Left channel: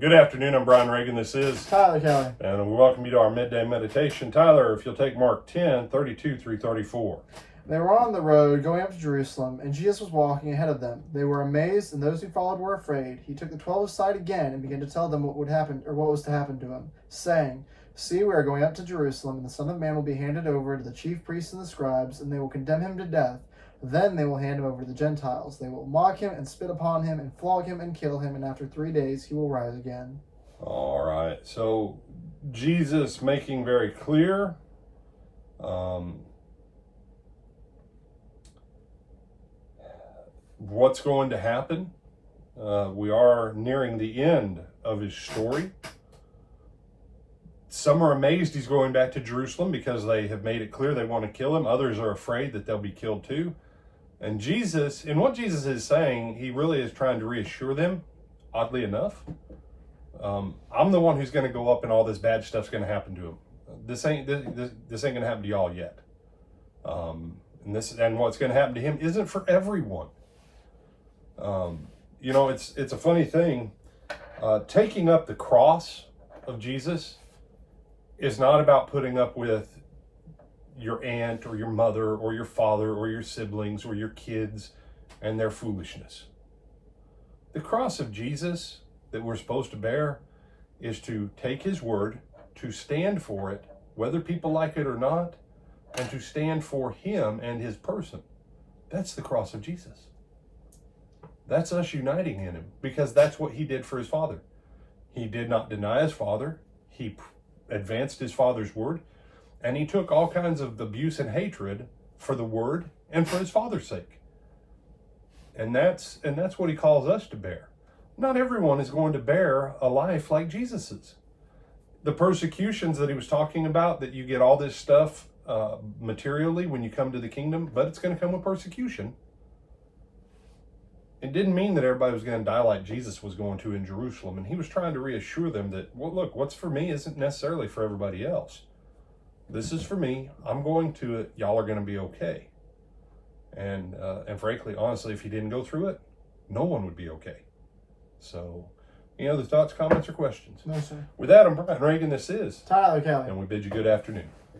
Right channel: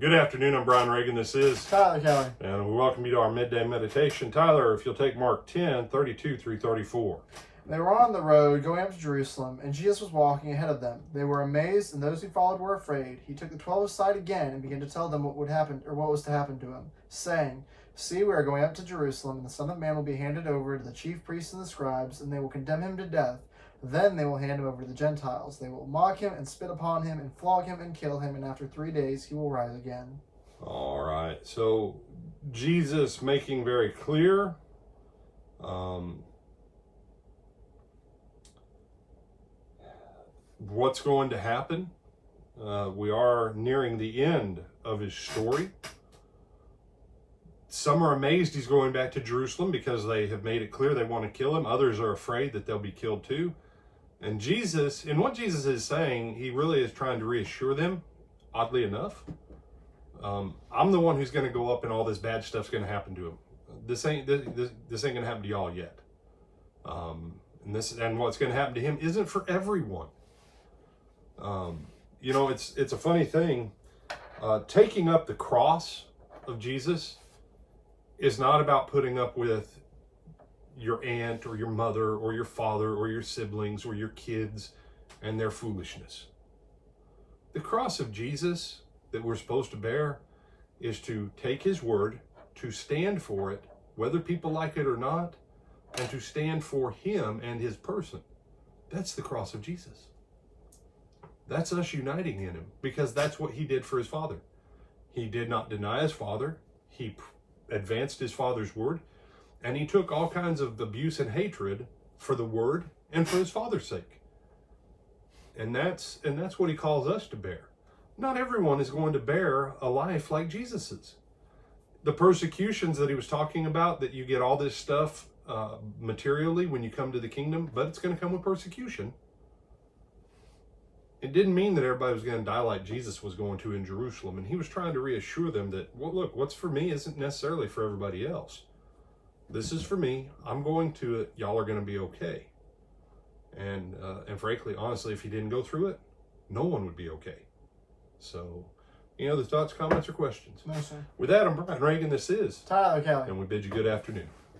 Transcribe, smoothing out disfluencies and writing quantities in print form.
Good afternoon, I'm Brian Reagan. This is Tyler Kelly. And we welcome you to our midday meditation. Tyler, if you'll take Mark 10:32 through 34. They were on the road going up to Jerusalem, and Jesus was walking ahead of them. They were amazed, and those who followed were afraid. He took the 12 aside again and began to tell them what would happen, or what was to happen to him, saying, "See, we are going up to Jerusalem, and the Son of Man will be handed over to the chief priests and the scribes, and they will condemn him to death. Then they will hand him over to the Gentiles. They will mock him and spit upon him and flog him and kill him, and after 3 days he will rise again." All right, so Jesus making very clear what's going to happen. We are nearing the end of his story. Some are amazed he's going back to Jerusalem because they have made it clear they want to kill him. Others are afraid that they'll be killed too. And Jesus, in what Jesus is saying, he really is trying to reassure them, oddly enough. I'm the one who's going to go up and all this bad stuff's going to happen to him. This ain't going to happen to y'all yet. And what's going to happen to him isn't for everyone. It's a funny thing. Taking up the cross of Jesus is not about putting up with your aunt or your mother or your father or your siblings or your kids and their foolishness. The cross of Jesus that we're supposed to bear is to take his word, to stand for it, whether people like it or not, and to stand for him and his person. That's the cross of Jesus. That's us uniting in him, because that's what he did for his Father. He did not deny his Father. He advanced his Father's word, and he took all kinds of abuse and hatred for the word and for his Father's sake. And that's what he calls us to bear. Not everyone is going to bear a life like Jesus's. The persecutions that he was talking about, that you get all this stuff materially when you come to the kingdom, but it's going to come with persecution. It didn't mean that everybody was going to die like Jesus was going to in Jerusalem. And he was trying to reassure them that, well, look, what's for me isn't necessarily for everybody else. This is for me. I'm going to it. Y'all are going to be okay. And frankly, honestly, if he didn't go through it, no one would be okay. So, the thoughts, comments, or questions? No, sir. With that, I'm Brian Reagan. This is Tyler Kelly. And we bid you good afternoon.